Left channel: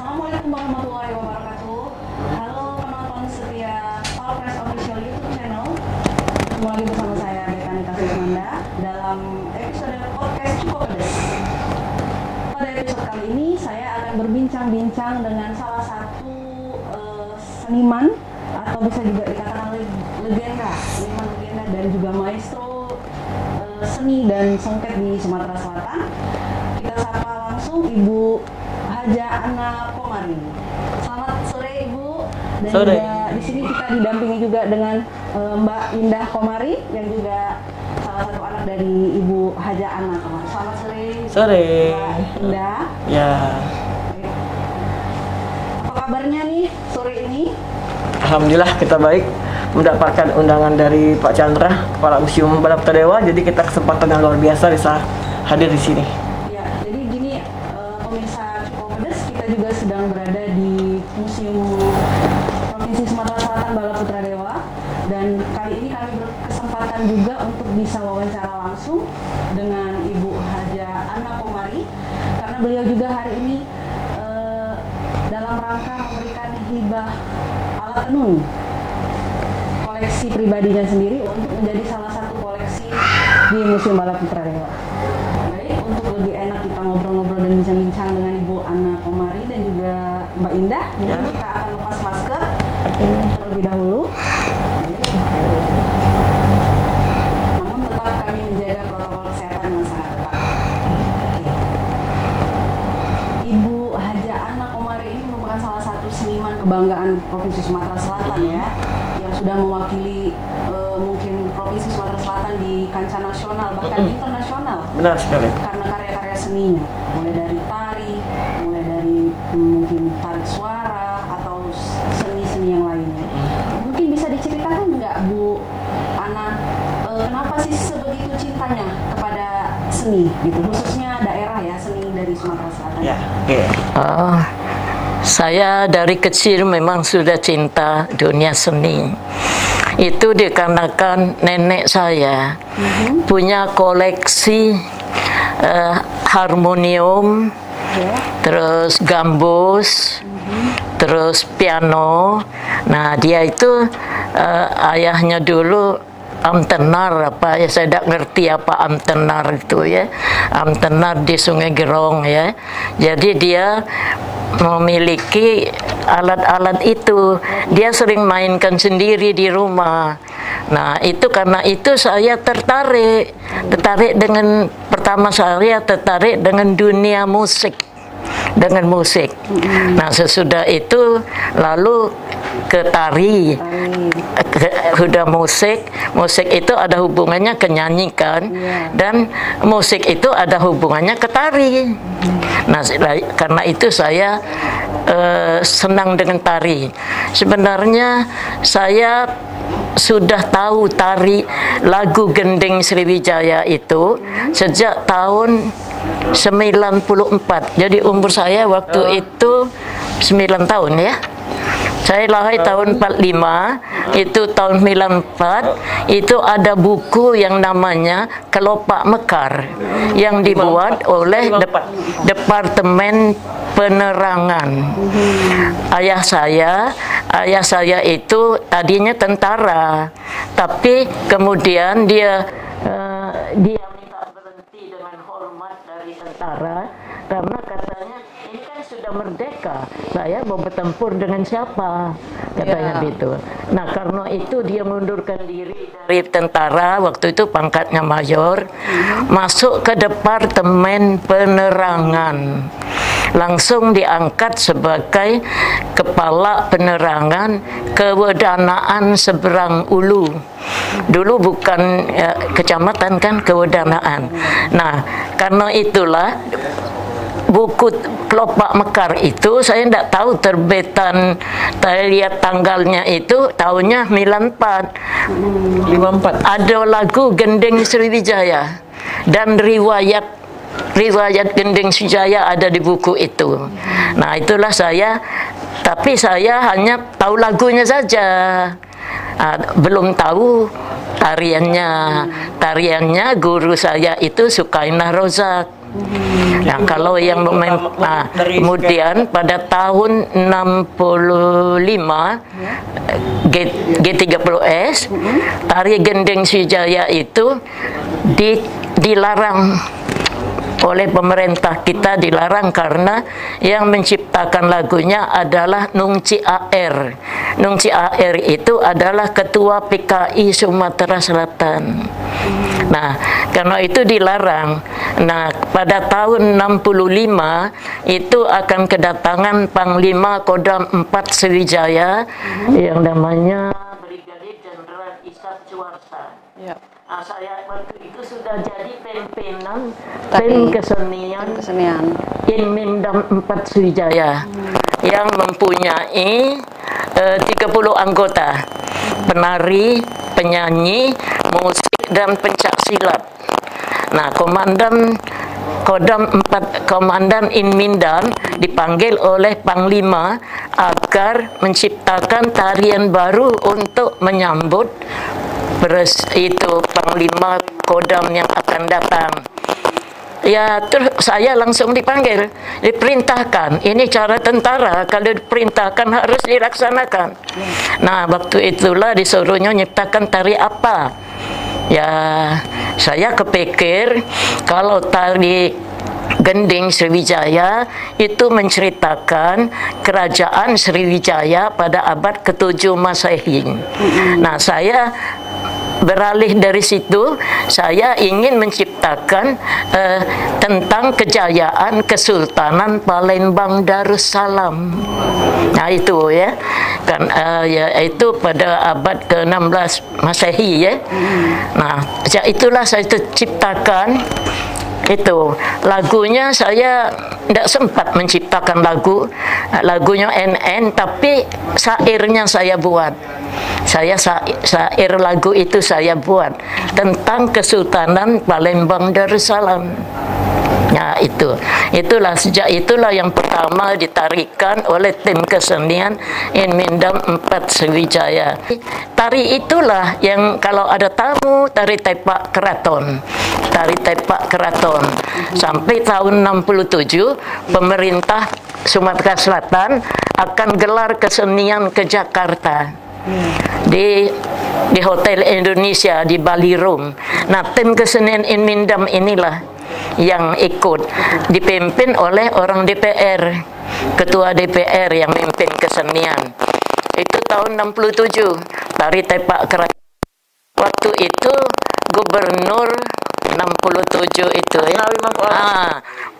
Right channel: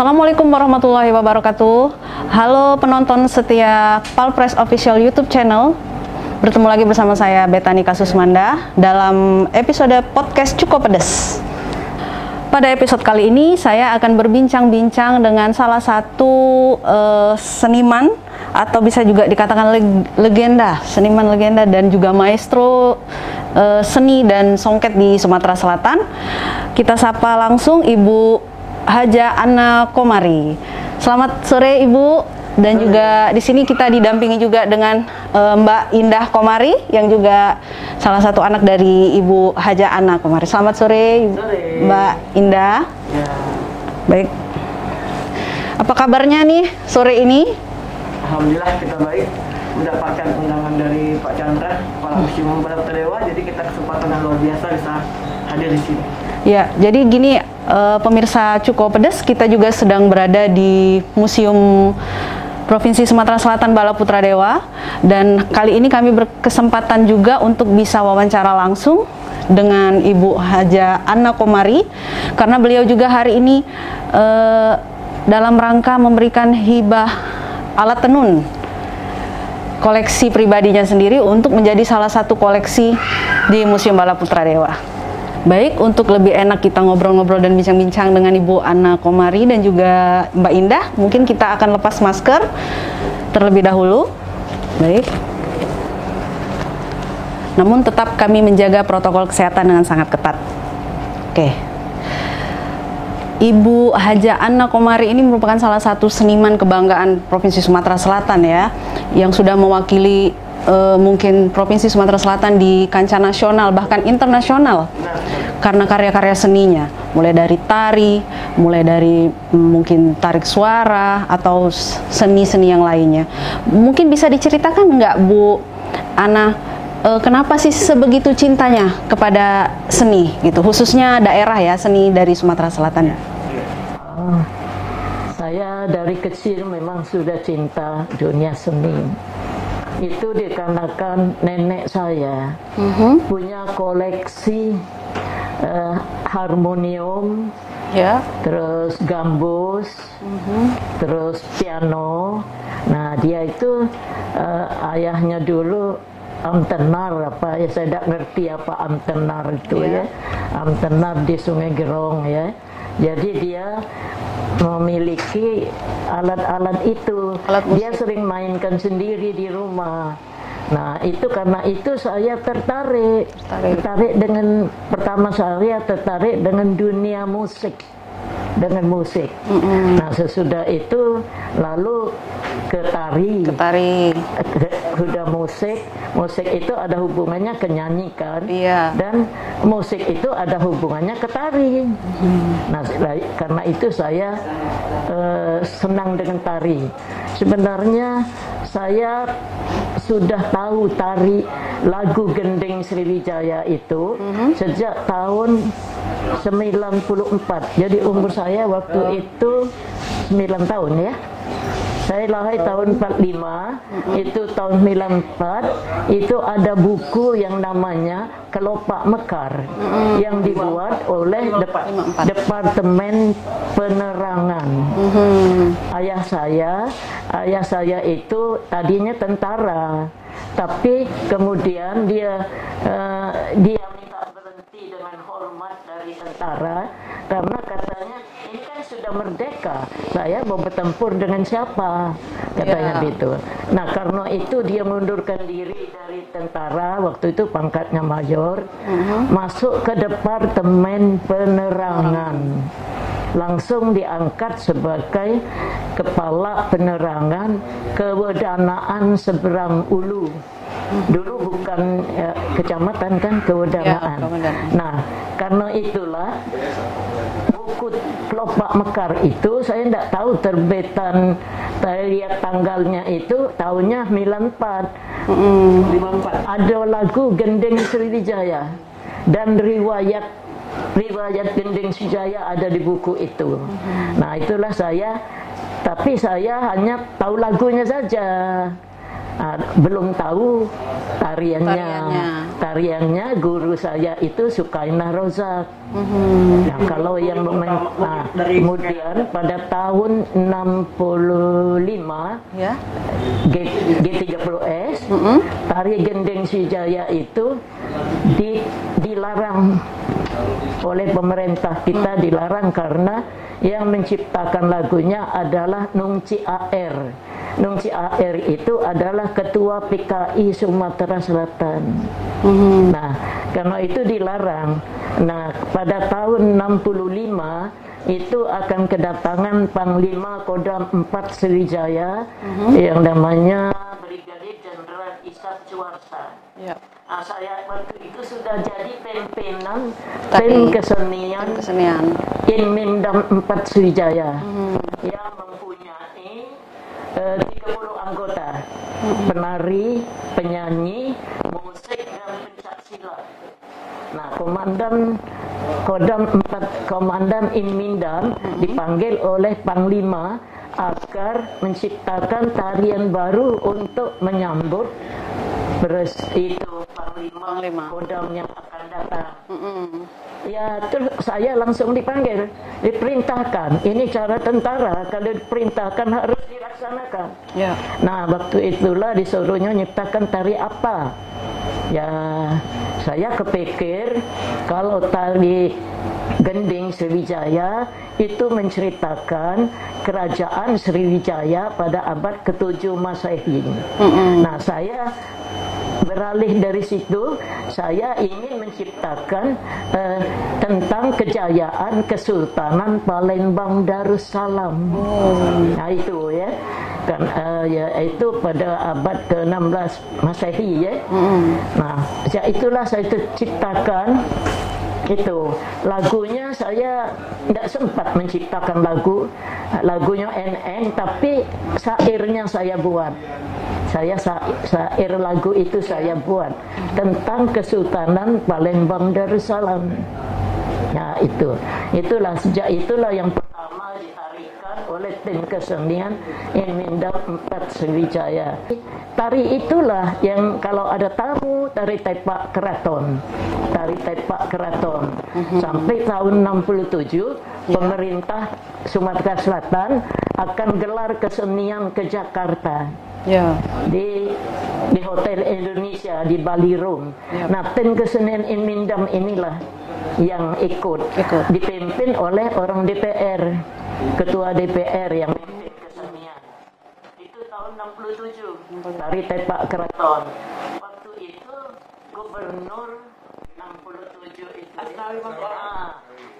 Assalamualaikum warahmatullahi wabarakatuh. Halo penonton setia Palpres Official YouTube Channel. Bertemu lagi bersama saya Betani Kasusmanda dalam episode podcast Cukup Pedes. Pada episode kali ini saya akan berbincang-bincang dengan salah satu seniman atau bisa juga dikatakan legenda, seniman legenda dan juga maestro seni dan songket di Sumatera Selatan. Kita sapa langsung Ibu Haja Anna Komari. Selamat sore Ibu, dan sore. Juga di sini kita didampingi juga dengan Mbak Indah Komari yang juga salah satu anak dari Ibu Haja Anna Komari. Selamat sore, sore. Mbak Indah. Ya. Baik. Apa kabarnya nih sore ini? Alhamdulillah kita baik. Mendapatkan undangan dari Pak Chandra, Kepala Museum Bala Putra Dewa. Jadi kita kesempatan yang luar biasa bisa hadir di sini. Ya, jadi gini pemirsa Cukup Pedes, kita juga sedang berada di Museum Provinsi Sumatera Selatan Bala Putra Dewa, dan kali ini kami berkesempatan juga untuk bisa wawancara langsung dengan Ibu Haja Anna Komari, karena beliau juga hari ini dalam rangka memberikan hibah alat tenun koleksi pribadinya sendiri untuk menjadi salah satu koleksi di Museum Bala Putra Dewa. Baik, untuk lebih enak kita ngobrol-ngobrol dan bincang-bincang dengan Ibu Anna Komari dan juga Mbak Indah, mungkin kita akan lepas masker terlebih dahulu. Baik. Namun tetap kami menjaga protokol kesehatan dengan sangat ketat. Oke. Ibu Haja Anna Komari ini merupakan salah satu seniman kebanggaan Provinsi Sumatera Selatan ya, yang sudah mewakili mungkin Provinsi Sumatera Selatan di kancah nasional bahkan internasional. Benar sekali. Karena karya-karya seninya, mulai dari tari, mulai dari mungkin tarik suara atau seni-seni yang lainnya. Mungkin bisa diceritakan nggak Bu Anna, kenapa sih sebegitu cintanya kepada seni gitu, khususnya daerah ya, seni dari Sumatera Selatan? Ya. Okay. Saya dari kecil memang sudah cinta dunia seni. Itu dikarenakan nenek saya punya koleksi harmonium, terus gambus, terus piano. Nah, dia itu ayahnya dulu amtenar, apa ya, saya tidak ngerti apa amtenar itu ya, amtenar di Sungai Gerong ya. Jadi dia memiliki alat-alat itu, dia sering mainkan sendiri di rumah. Nah, itu karena itu saya tertarik dengan, pertama saya tertarik dengan dunia musik, dengan musik. Nah, sesudah itu lalu ke tari. Udah musik itu ada hubungannya ke nyanyi kan, dan musik itu ada hubungannya ke tari. Nah, karena itu saya senang dengan tari. Sebenarnya saya sudah tahu tari lagu Gending Sriwijaya itu sejak tahun 94. Jadi umur saya waktu itu 9 tahun ya. Saya lahir tahun 45, itu tahun 94, itu ada buku yang namanya Kelopak Mekar yang dibuat oleh Departemen Penerangan. Ayah saya itu tadinya tentara, tapi kemudian dia minta berhenti dengan hormat dari tentara karena katanya ini kan sudah merdeka, saya mau bertempur dengan siapa, katanya gitu. Nah, karena itu dia mengundurkan diri dari tentara, waktu itu pangkatnya mayor, masuk ke Departemen Penerangan, langsung diangkat sebagai Kepala Penerangan Kewedanaan Seberang Ulu. Dulu bukan kecamatan kan, kewedanaan. Nah, karena itulah buku Kelopak Mekar itu saya tidak tahu terbitan, saya lihat tanggalnya itu tahunnya 54. Ada lagu Gending Sriwijaya dan riwayat Gending Sriwijaya ada di buku itu. Nah, itulah saya, tapi saya hanya tahu lagunya saja, belum tahu tariannya. tariannya guru saya itu Sukainah Rozak. Nah, kalau yang kemudian pada tahun 65 G30S tari gendeng Sriwijaya itu dilarang oleh pemerintah kita, dilarang karena yang menciptakan lagunya adalah Nung Ci Aer. Nung Ci Aer itu adalah ketua PKI Sumatera Selatan. Nah, karena itu dilarang. Nah, pada tahun 65 itu akan kedatangan Panglima Kodam 4 Sriwijaya yang namanya Brigadir Jenderal Ishak Suwarsa. Nah, saya waktu itu sudah jadi pimpinan tim kesenian Inmindam 4 Sriwijaya yang mempunyai 30 anggota, penari, penyanyi, musik, dan pencak silat. Nah, Komandan Inmindam dipanggil oleh Panglima agar menciptakan tarian baru untuk menyambut itu Panglima Kodam yang akan datang. Ya, terus saya langsung dipanggil, diperintahkan. Ini cara tentara, kalau diperintahkan harus dilaksanakan. Nah, waktu itulah disuruhnya nyiptakan tari apa. Ya, saya kepikir kalau tari gending Sriwijaya itu menceritakan kerajaan Sriwijaya pada abad ke-7 Masehi. Nah, saya beralih dari situ, saya ingin menciptakan tentang kejayaan Kesultanan Palembang Darussalam. Nah, itu ya, kan itu pada abad ke-16 Masehi ya. Nah, itulah saya ciptakan. Itu lagunya saya tidak sempat menciptakan lagunya NN, tapi syairnya saya buat. Syair lagu itu saya buat tentang Kesultanan Palembang Darussalam. Nah, itulah sejak itulah yang pertama ditarikan oleh tim kesenian Inmindam 4 Sriwijaya. Tari itulah yang kalau ada tamu, tari tepak keraton. Sampai tahun 67 pemerintah Sumatera Selatan akan gelar kesenian ke Jakarta. Di Hotel Indonesia di Bali Room. Nah, tim kesenian Inmindam inilah yang ikut, dipimpin oleh orang DPR, ketua DPR yang memimpin kesenian. Itu tahun 67 tari tepak keraton. Waktu itu gubernur 67 itu ya,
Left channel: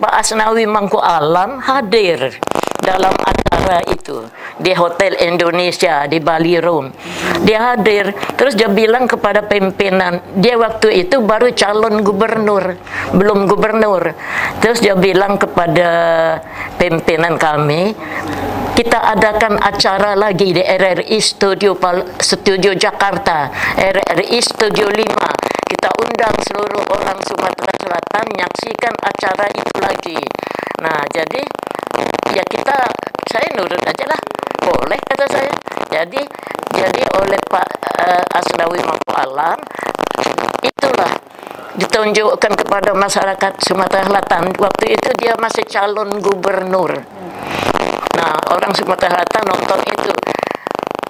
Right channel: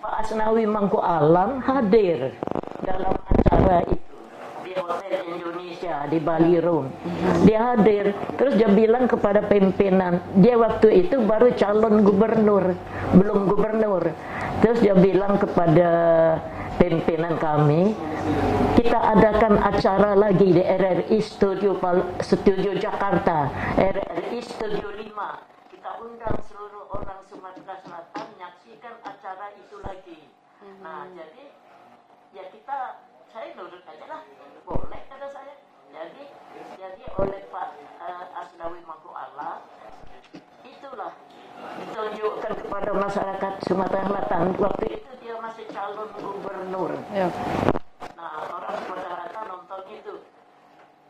Pak Asnawi Mangku Alam hadir dalam acara itu di Hotel Indonesia di Bali Room. Dia hadir, terus dia bilang kepada pimpinan, dia waktu itu baru calon gubernur, belum gubernur. Terus dia bilang kepada pimpinan kami, kita adakan acara lagi di RRI Studio Jakarta, RRI Studio 5. Kita undang seluruh orang Sumatera Selatan menyaksikan acara itu lagi. Nah, jadi ya saya nurut aja lah, boleh kata saya. Jadi oleh Pak Asnawi Mangku Alam itulah ditunjukkan kepada masyarakat Sumatera Selatan. Waktu itu dia masih calon gubernur. Nah, orang Sumatera Selatan nonton itu,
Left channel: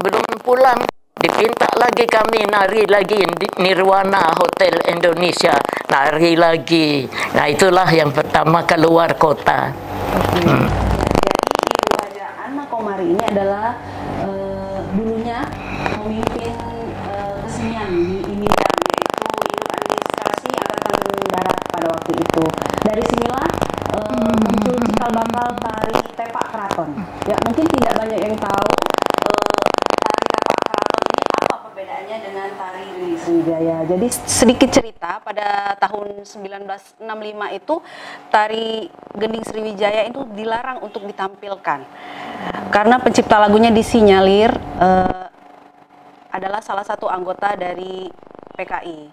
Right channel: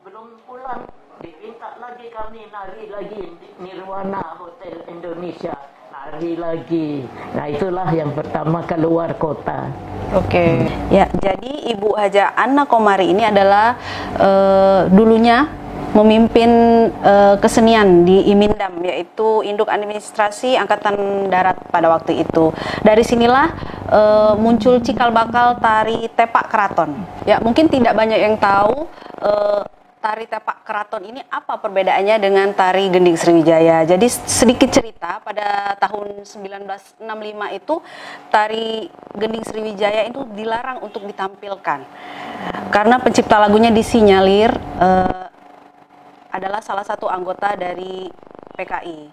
belum pulang dipinta lagi kami nari lagi di Nirwana Hotel Indonesia, nari lagi. Nah, itulah yang pertama keluar kota. Ya, jadi Ibu Haja Anna Komari ini adalah dulunya memimpin kesenian di Imindam, yaitu Induk Administrasi Angkatan Darat pada waktu itu. Dari sinilah muncul cikal bakal tari tepak keraton. Ya, mungkin tidak banyak yang tahu tari tepak keraton ini apa perbedaannya dengan tari gending Sriwijaya. Jadi sedikit cerita, pada tahun 1965 itu tari gending Sriwijaya itu dilarang untuk ditampilkan karena pencipta lagunya disinyalir adalah salah satu anggota dari PKI.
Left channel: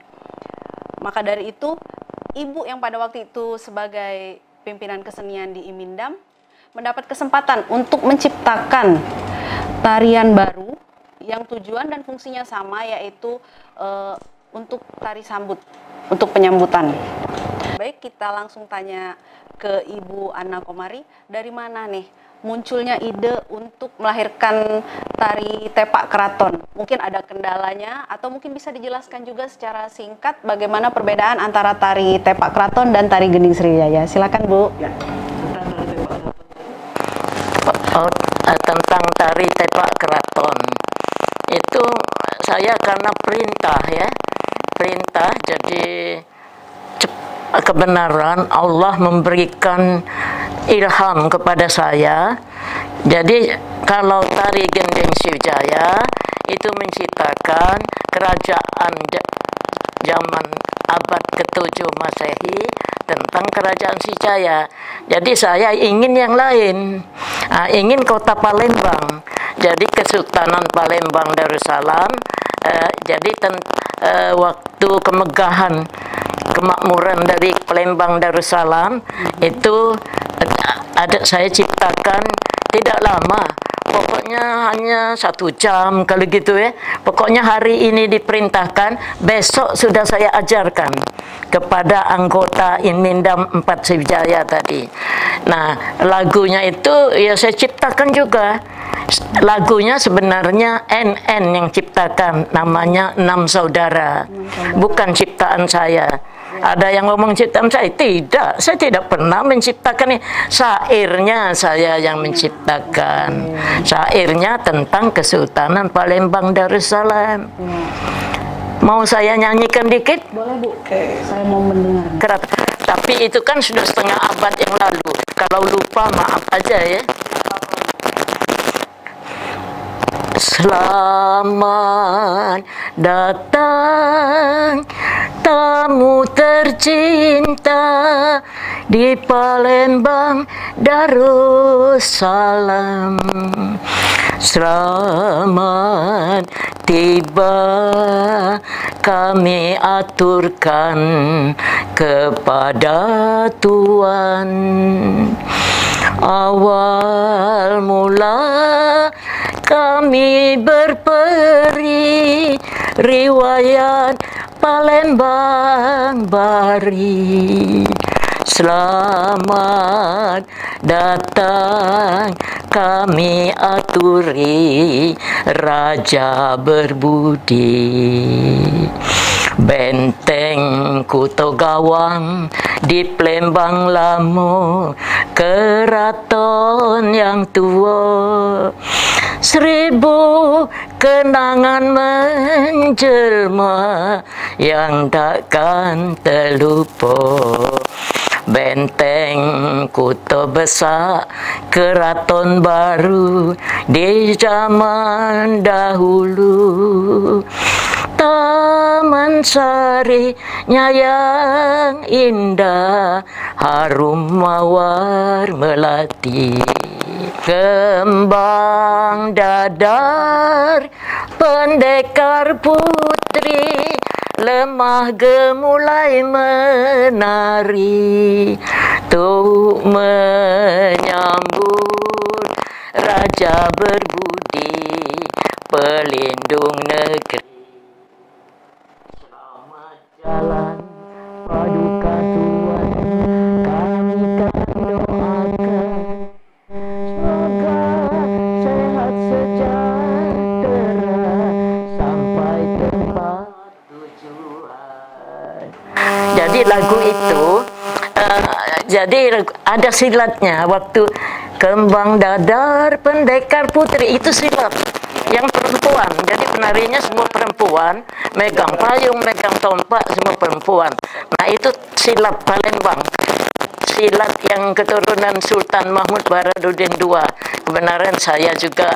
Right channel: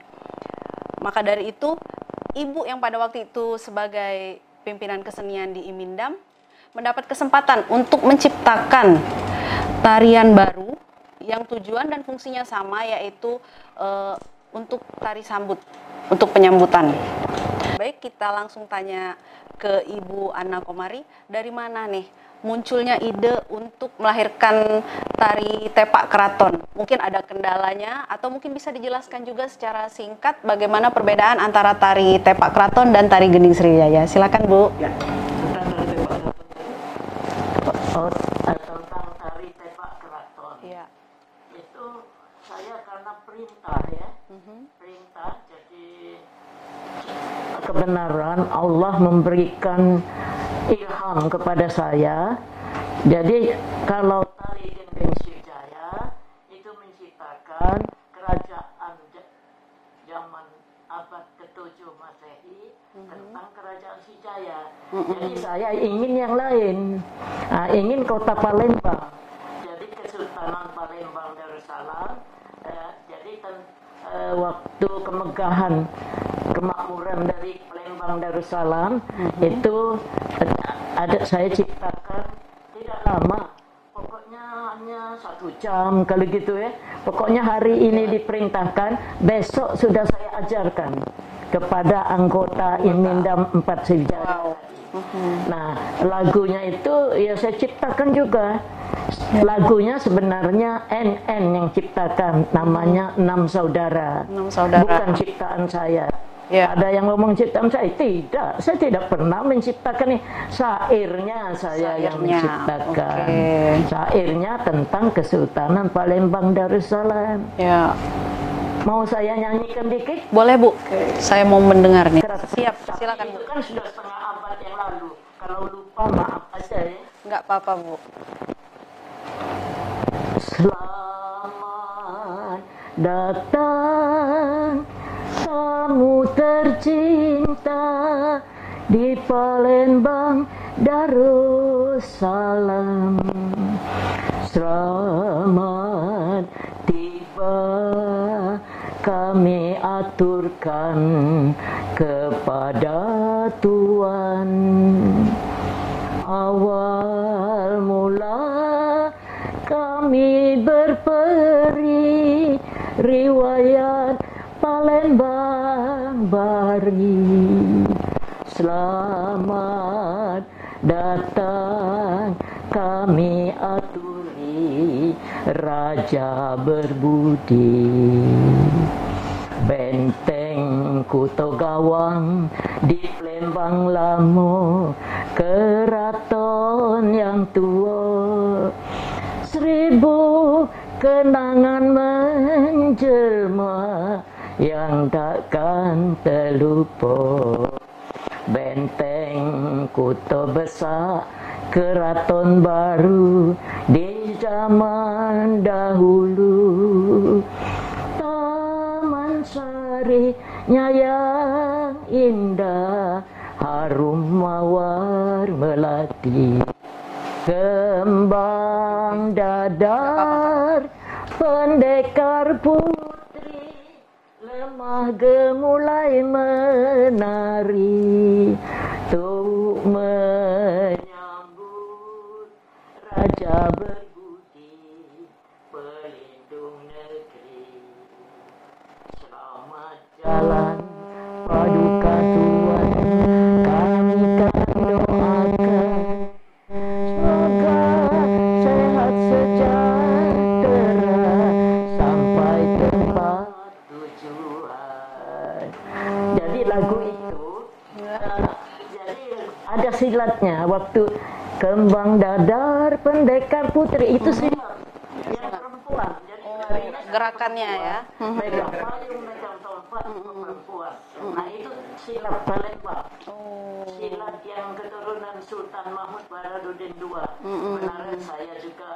Maka dari itu, ibu yang pada waktu itu sebagai pimpinan kesenian di Imindam mendapat kesempatan untuk menciptakan tarian baru yang tujuan dan fungsinya sama, yaitu untuk tari sambut. untuk penyambutan. Baik, kita langsung tanya ke Ibu Anna Komari, dari mana nih munculnya ide untuk melahirkan tari tepak keraton? Mungkin ada kendalanya, atau mungkin bisa dijelaskan juga secara singkat bagaimana perbedaan antara tari tepak keraton dan tari gending Sriwijaya. Silakan, Bu. Ya, tentang tari tepak keraton. Tentang tari tepak keraton itu saya karena perintah ya, perintah, jadi kebenaran Allah memberikan ilham kepada saya. Jadi kalau tari gending Sriwijaya itu menciptakan kerajaan zaman abad ke-7 Masehi tentang kerajaan Sriwijaya. Jadi saya ingin yang lain, ingin kota Palembang. Jadi Kesultanan Palembang Darussalam. Jadi waktu kemegahan kemakmuran dari Palembang Darussalam itu saya ciptakan tidak lama, pokoknya hanya 1 jam kalau gitu ya. Pokoknya hari ini diperintahkan, besok sudah saya ajarkan kepada anggota Imindam 4 Sriwijaya tadi. Nah, lagunya itu ya saya ciptakan juga. Lagunya sebenarnya NN yang ciptakan, namanya 6 Saudara. Bukan ciptaan saya. Ya. Ada yang ngomong ciptaan saya, tidak. Saya tidak pernah menciptakan ini. Syairnya saya yang menciptakan. Syairnya tentang Kesultanan Palembang Darussalam. Ya. Mau saya nyanyikan dikit? Boleh, Bu. Saya mau mendengar nih. Tapi itu kan sudah setengah abad yang lalu. Kalau lupa maaf aja ya. Tidak apa-apa, Bu. Selamat datang tamu tercinta di Palembang Darussalam. Selamat tiba kami aturkan kepada Tuhan. Awal mula kami berperi riwayat Palembang Bari. Selamat datang kami aturi raja berbudi. Benteng Kuto Gawang di Palembang Lamo, keraton yang tua. 1000 kenangan menjelma yang takkan terlupa. Benteng Kuto Besar, keraton baru di zaman dahulu. Taman Sarinya yang indah, harum mawar melati. Kembang dadar pendekar putri, lemah gemulai menari, tuh menyambut raja berbudi, pelindung negeri. Selamat jalan paduka Tuhan, kami kan doakan semoga sehat sejahtera sampai tempat tujuan. Jadi lagu itu jadi ada silatnya. Waktu kembang dadar pendekar putri itu silat yang perempuan, jadi penarinya semua perempuan, megang payung, megang tombak, semua perempuan. Nah itu silat Palembang, silat yang keturunan Sultan Mahmud Baradudin II. Kebenaran saya juga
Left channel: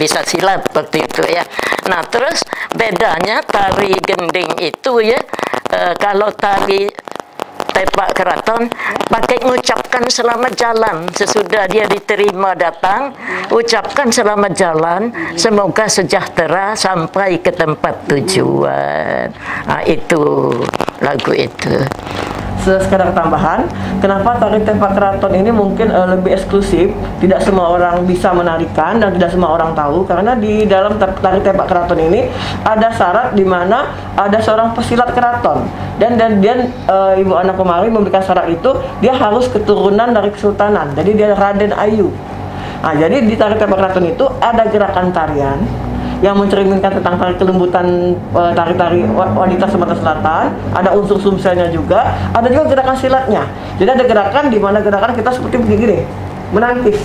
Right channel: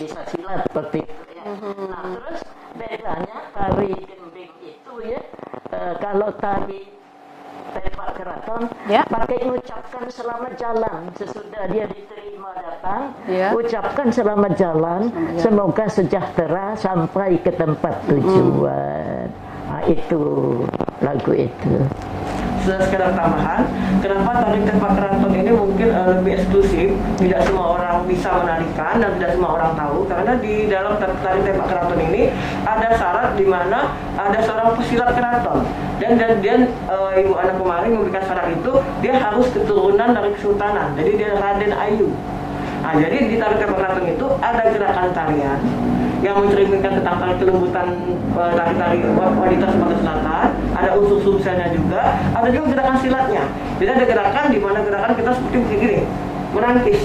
bisa silat seperti itu ya. Nah terus bedanya tari gending itu ya, kalau tari tepak keraton pakai mengucapkan selamat jalan sesudah dia diterima datang, ucapkan selamat jalan, semoga sejahtera sampai ke tempat tujuan. Nah, itu lagu itu. sekadar tambahan, kenapa tari tepak keraton ini mungkin lebih eksklusif, tidak semua orang bisa menarikan dan tidak semua orang tahu, karena di dalam tari tepak keraton ini ada syarat di mana ada seorang pesilat keraton dan Ibu Ana Komari memberikan syarat itu dia harus keturunan dari kesultanan, jadi dia Raden Ayu. Nah, jadi di tari tepak keraton itu ada gerakan tarian yang mencerminkan tentang tari kelembutan tari-tari wanita Sumatera Selatan, ada unsur sumselnya juga, ada juga gerakan silatnya. Jadi ada gerakan di mana gerakan kita seperti begini, menangkis.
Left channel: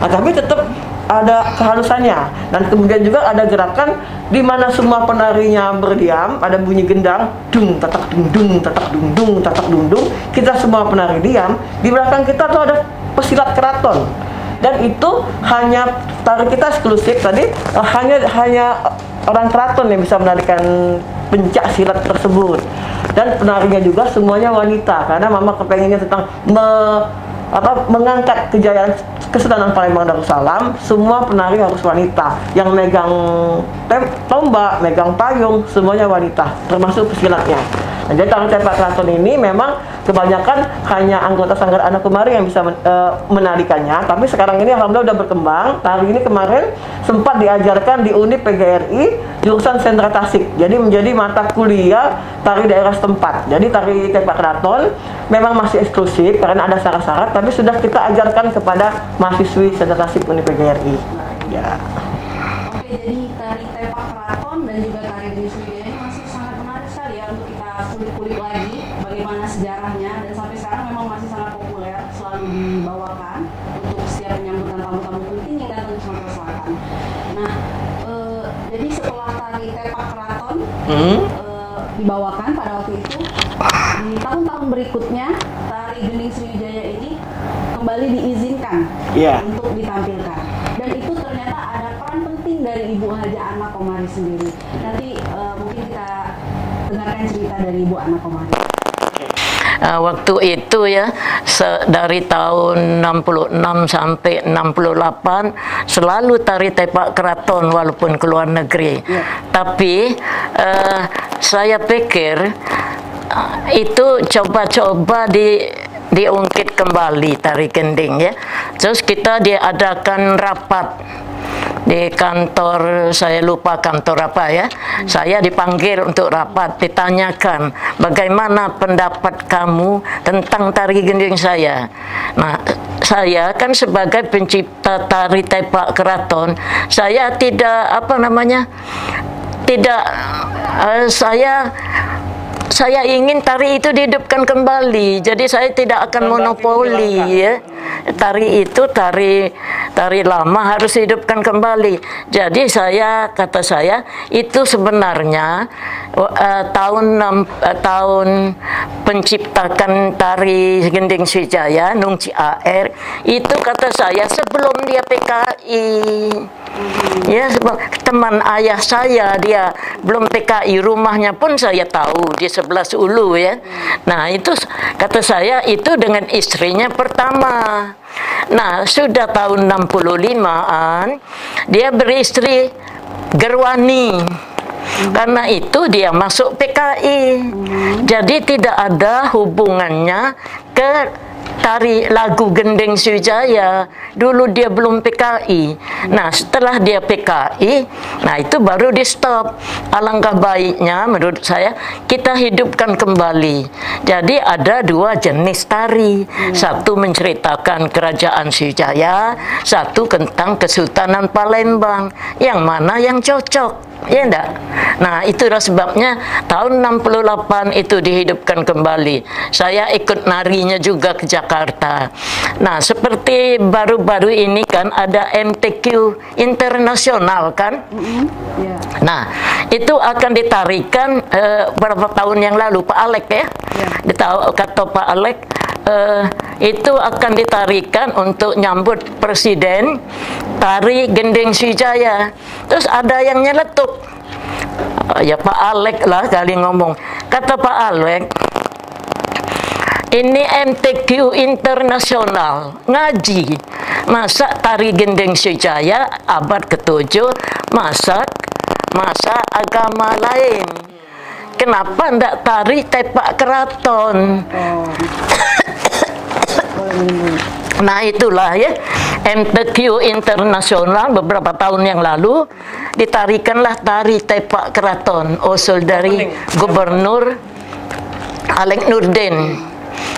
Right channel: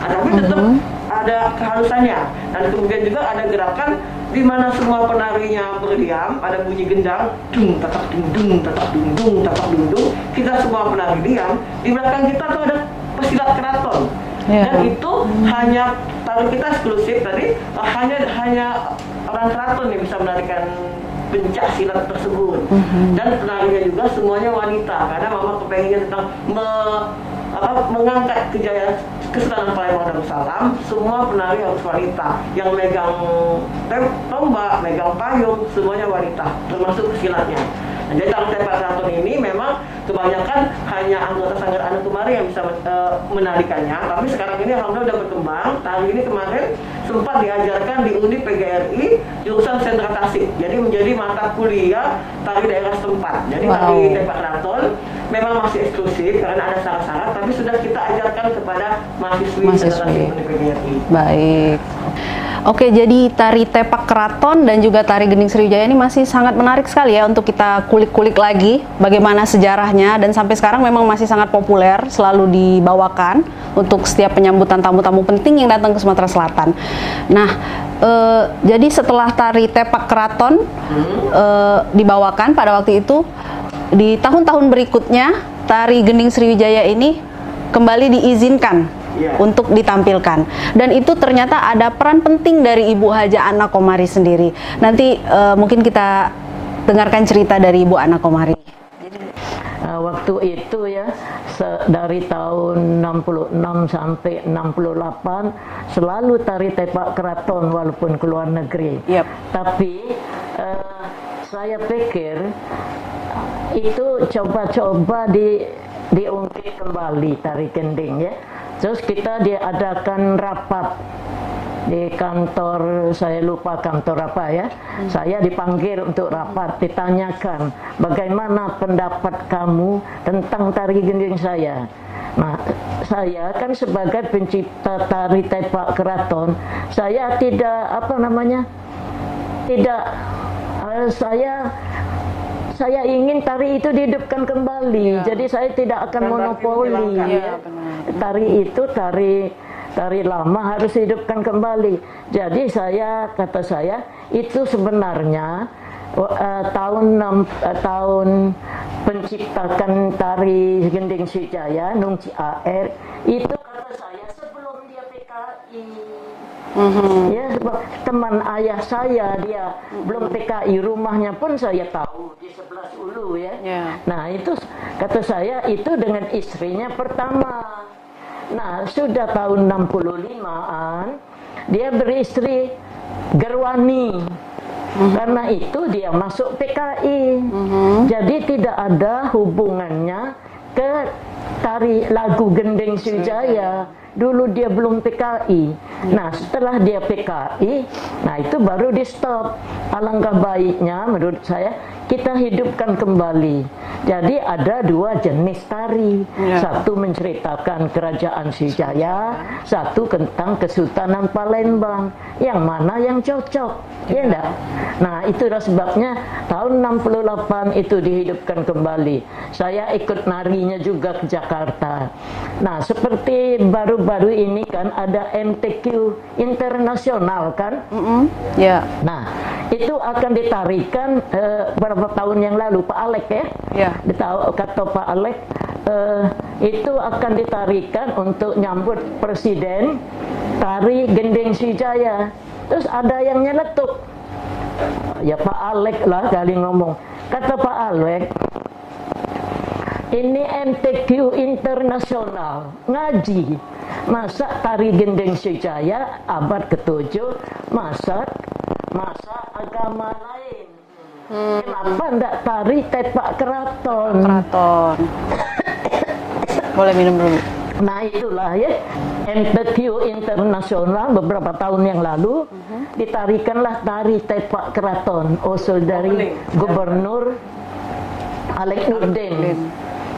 Nah, tapi tetap ada kehalusannya. Dan kemudian juga ada gerakan di mana semua penarinya berdiam, ada bunyi gendang, dung tatak dung dung tatak dung dung tatak dung dung. Kita semua penari diam, di belakang kita tuh ada pesilat keraton. Dan itu hanya tari kita eksklusif tadi, hanya orang keraton yang bisa menarikan pencak silat tersebut. Dan penarinya juga semuanya wanita, karena mama kepengennya tentang mengangkat kejayaan Kesultanan Palembang Darussalam. Semua penari harus wanita, yang megang tombak, megang payung, semuanya wanita, termasuk pesilatnya. Nah, jadi tari tepak keraton ini memang kebanyakan hanya anggota Sanggar Ana Komari yang bisa menarikannya, tapi sekarang ini alhamdulillah udah berkembang. Tari ini kemarin sempat diajarkan di Unip PGRI jurusan Sentra Tasik, jadi menjadi mata kuliah tari daerah setempat. Jadi tari tepak keraton memang masih eksklusif karena ada syarat-syarat, tapi sudah kita ajarkan kepada mahasiswi Sentra Tasik Unip PGRI. Baik. Oke, jadi tari tepak keraton dan juga tari gending Sriwijaya ini masih sangat menarik sekali ya untuk kita kulik-kulik lagi bagaimana sejarahnya, dan sampai sekarang memang masih sangat populer, selalu dibawakan untuk setiap penyambutan tamu-tamu penting yang datang ke Sumatera Selatan. Nah, jadi setelah tari tepak keraton dibawakan pada waktu itu, di tahun-tahun berikutnya tari gending Sriwijaya ini kembali diizinkan untuk ditampilkan, dan itu ternyata ada peran penting dari Ibu Haja Ana Komari sendiri. Nanti mungkin kita dengarkan cerita dari Ibu Ana Komari. Waktu itu ya, dari tahun 66 sampai 68 selalu tari tepak keraton walaupun ke luar negeri. Tapi saya pikir itu coba-coba diungkit kembali tari gending ya. Terus kita diadakan rapat di kantor, saya lupa kantor apa ya. Saya dipanggil untuk rapat, ditanyakan bagaimana pendapat kamu tentang tari gending saya. Nah, saya kan sebagai pencipta tari tepak keraton, saya tidak saya ingin tari itu dihidupkan kembali. Jadi saya tidak akan monopoli ya. Tari itu tari lama harus dihidupkan kembali. Jadi kata saya itu sebenarnya tahun penciptakan tari gending Sriwijaya Nung Ciaer itu, kata saya, sebelum dia PKI. Ya, teman ayah saya dia belum PKI, rumahnya pun saya tahu di sebelah Ulu ya. Nah, itu kata saya itu dengan istrinya pertama. Nah, sudah tahun 65-an dia beristri Gerwani. Karena itu dia masuk PKI. Jadi tidak ada hubungannya ke tari lagu gending Sriwijaya. Dulu dia belum PKI. Nah, setelah dia PKI, nah itu baru di stop. Alangkah baiknya menurut saya kita hidupkan kembali. Jadi ada dua jenis tari. Satu menceritakan kerajaan Sriwijaya, satu tentang Kesultanan Palembang. Yang mana yang cocok? Ya enggak? Nah, itulah sebabnya tahun 68 itu dihidupkan kembali. Saya ikut narinya juga ke Jakarta. Nah, seperti baru-baru ini kan ada MTQ internasional kan? Nah, itu akan ditarikan beberapa tahun yang lalu, Pak Alek ya? Kata Pak Alek, itu akan ditarikan untuk nyambut presiden tari gending Sriwijaya. Terus ada yang nyeletuk, ya Pak Alek lah kali ngomong. Kata Pak Alek, ini MTQ internasional, ngaji. Masa tari gending Sriwijaya abad ke-7 masa agama lain. Kenapa ndak tari tepak keraton? Boleh minum dulu. Nah itulah ya, MTQ internasional beberapa tahun yang lalu ditarikanlah tari tepak keraton, usul dari Gubernur Alex Nurdin.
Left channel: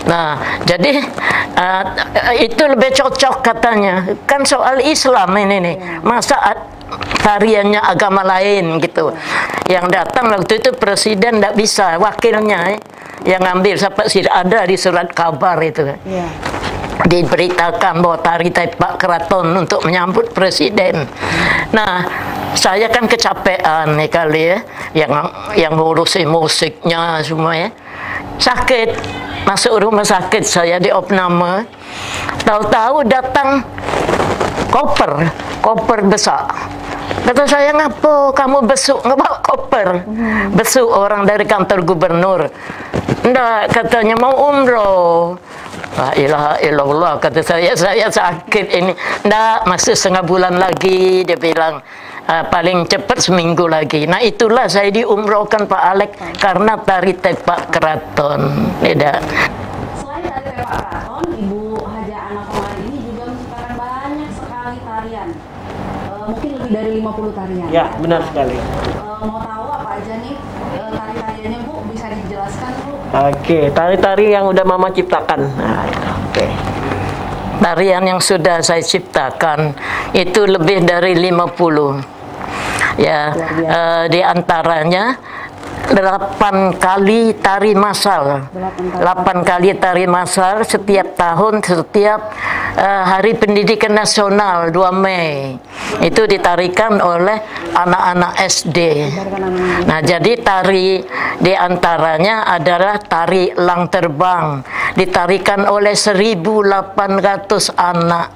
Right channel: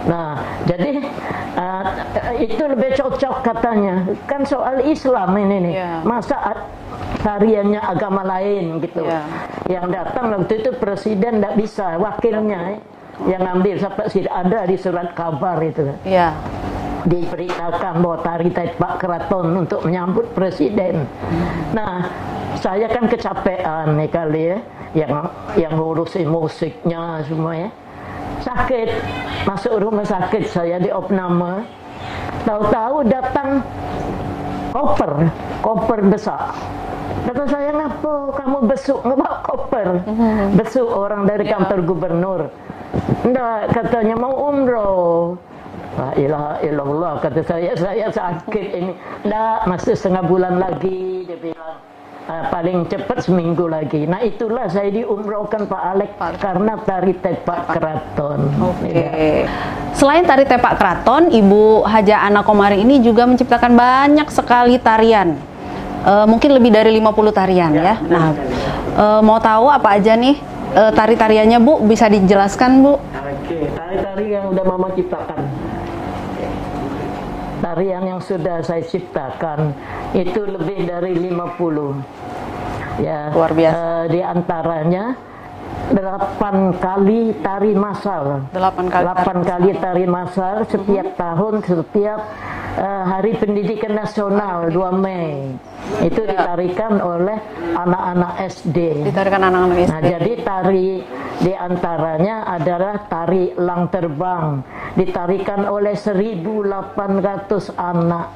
Nah, jadi itu lebih cocok katanya. Kan soal Islam ini nih, masa tariannya agama lain gitu. Yang datang waktu itu presiden tidak bisa, wakilnya yang ngambil sampai ada di surat kabar itu. Diberitakan bahwa tari tepak keraton untuk menyambut presiden. Nah, saya kan kecapean nih kali ya, yang ngurusin musiknya semua ya. Sakit, masuk rumah sakit saya di opname. Tahu-tahu datang koper besar. Kata saya, ngapa kamu besuk ngebawa koper? Besuk orang dari kantor gubernur. Nggak, katanya mau umroh. La ilaha illallah, kata saya sakit ini. Nggak, masih setengah bulan lagi, dia bilang. Paling cepat seminggu lagi. Nah itulah saya diumrohkan Pak Alex karena tari tepak keraton. Selain tari tepak keraton, Ibu Haja Ana Komari ini juga menciptakan banyak sekali tarian. Mungkin lebih dari 50 tarian ya. Benar sekali. Mau tahu apa aja nih tari-tariannya Bu? Bisa dijelaskan Bu? Oke, tari-tari yang udah Mama ciptakan. Tarian yang sudah saya ciptakan itu lebih dari 50. Ya, di antaranya 8 kali tari massal. 8 kali tari massal setiap tahun, setiap Hari Pendidikan Nasional 2 Mei. Itu ditarikan oleh anak-anak SD. Nah, jadi tari di antaranya adalah tari Lang Terbang. Ditarikan oleh 1.800 anak.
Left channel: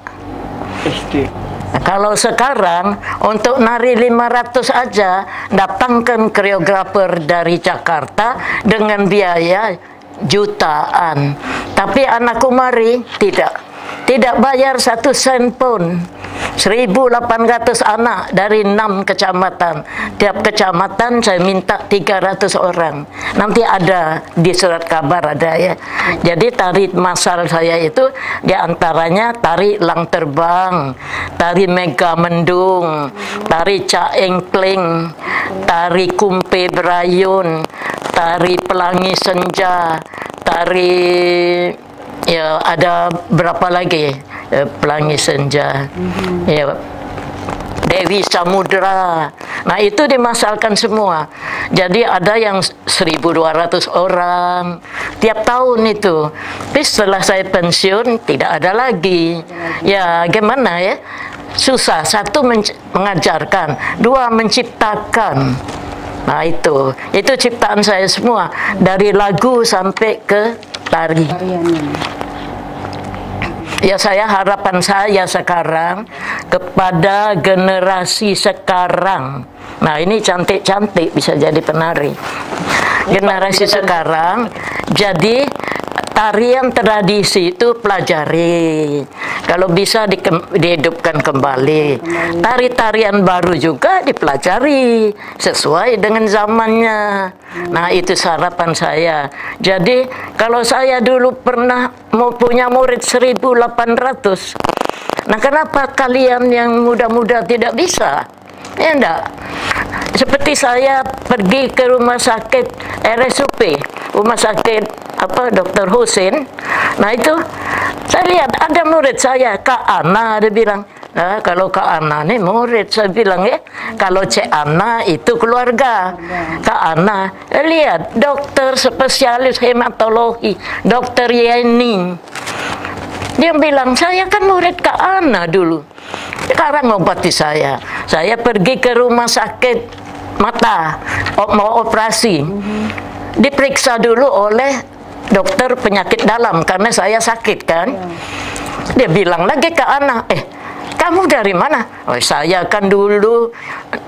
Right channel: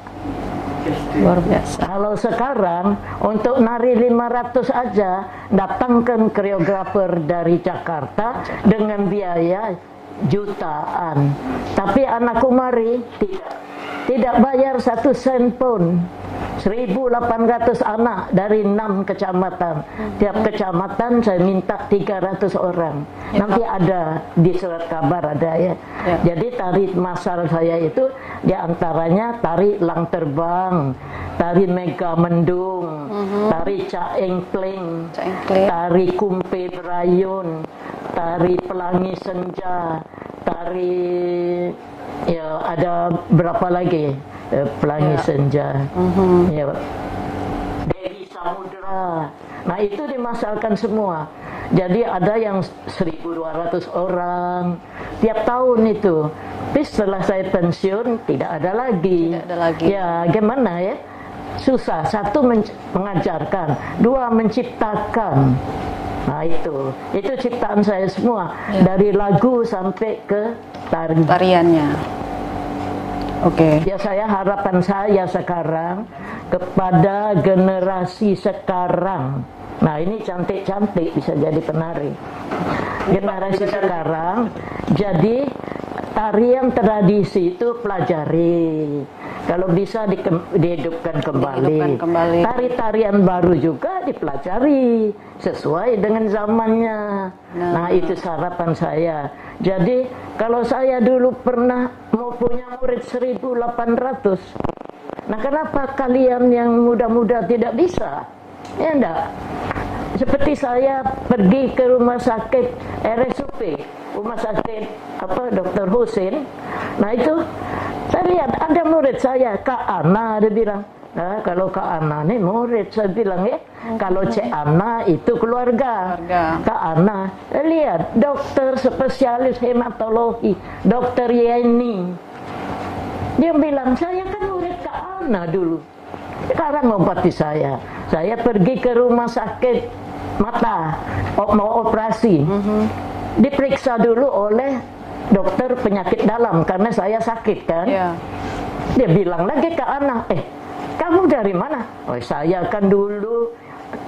Luar biasa. Nah, kalau sekarang untuk nari 500 aja datangkan koreografer dari Jakarta dengan biaya jutaan. Tapi Ana Komari tidak bayar 1 sen pun. 1.800 anak dari 6 kecamatan. Tiap kecamatan saya minta 300 orang. Nanti ada di surat kabar ada ya. Jadi tari massal saya itu diantaranya tari Lang Terbang, tari Mega Mendung, tari Caengkling, tari Kumpe Berayun, tari Pelangi Senja, tari ya ada berapa lagi Pelangi Senja, ya Dewi Samudra. Nah itu dimasalkan semua. Jadi ada yang 1.200 orang tiap tahun itu. Tapi setelah saya pensiun tidak ada lagi. Ya gimana ya? Susah. 1 mengajarkan, 2 menciptakan. Nah itu ciptaan saya semua dari lagu sampai ke tariannya. Ya saya harapan saya sekarang kepada generasi sekarang. Nah ini cantik-cantik bisa jadi penari. Generasi sekarang jadi tarian tradisi itu pelajari. Kalau bisa dihidupkan kembali. Tari-tarian baru juga dipelajari sesuai dengan zamannya. Nah itu harapan saya. Jadi kalau saya dulu pernah mau punya murid 1.800. Nah kenapa kalian yang muda-muda tidak bisa? Ya enggak. Seperti saya pergi ke rumah sakit RSUP, rumah sakit Dr. Husin. Nah itu saya lihat ada murid saya, Kak Ana, dia bilang, nah kalau Kak Ana nih murid, saya bilang ya, kalau Cik Ana itu keluarga. Kak Ana, lihat dokter spesialis hematologi, Dokter Yeni. Dia bilang, saya kan murid Kak Ana dulu. Sekarang ngobati saya. Saya pergi ke rumah sakit mata, mau operasi. Diperiksa dulu oleh dokter penyakit dalam karena saya sakit kan. Dia bilang lagi ke anak, kamu dari mana? Oh, saya kan dulu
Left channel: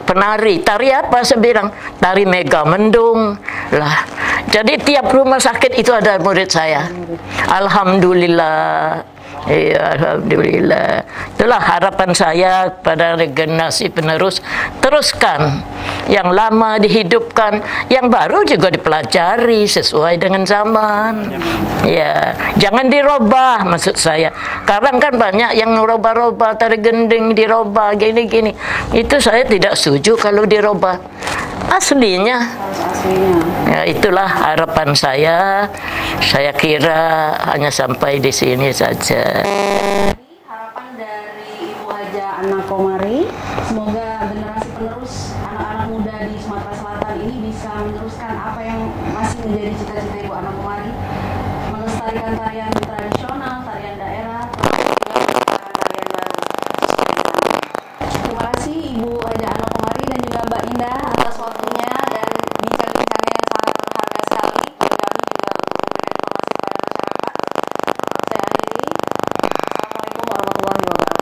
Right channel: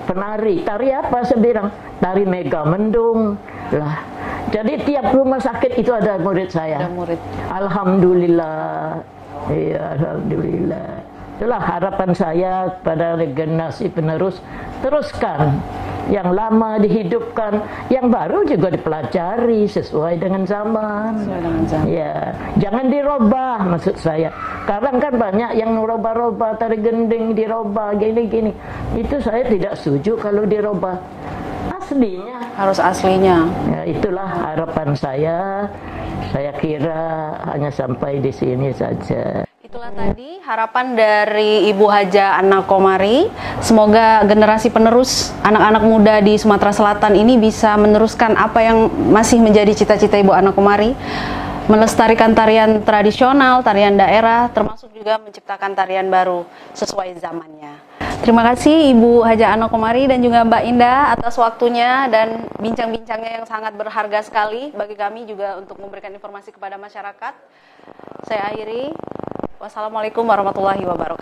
penari. Tari apa? Saya bilang, tari Mega Mendung. Lah, jadi tiap rumah sakit itu ada murid saya. Alhamdulillah. Iya, alhamdulillah. Itulah harapan saya pada generasi penerus. Teruskan yang lama dihidupkan, yang baru juga dipelajari sesuai dengan zaman. Ya, jangan dirubah maksud saya. Sekarang kan banyak yang ngerubah-rubah, tari gending dirubah gini-gini. Itu saya tidak setuju kalau dirubah. Aslinya Harus aslinya. ya, itulah harapan saya. Saya kira hanya sampai di sini saja. Jadi harapan dari Ibu Haja Anna Komari, semoga generasi penerus anak-anak muda di Sumatera Selatan ini bisa meneruskan apa yang masih menjadi cita-cita Ibu Anna Komari, melestarikan tarian tradisional, tarian daerah, termasuk juga menciptakan tarian baru sesuai zamannya. Terima kasih Ibu Haja Anna Komari dan juga Mbak Indah atas waktunya dan bincang-bincangnya yang sangat berharga sekali bagi kami juga untuk memberikan informasi kepada masyarakat. Saya akhiri. Wassalamualaikum warahmatullahi wabarakatuh.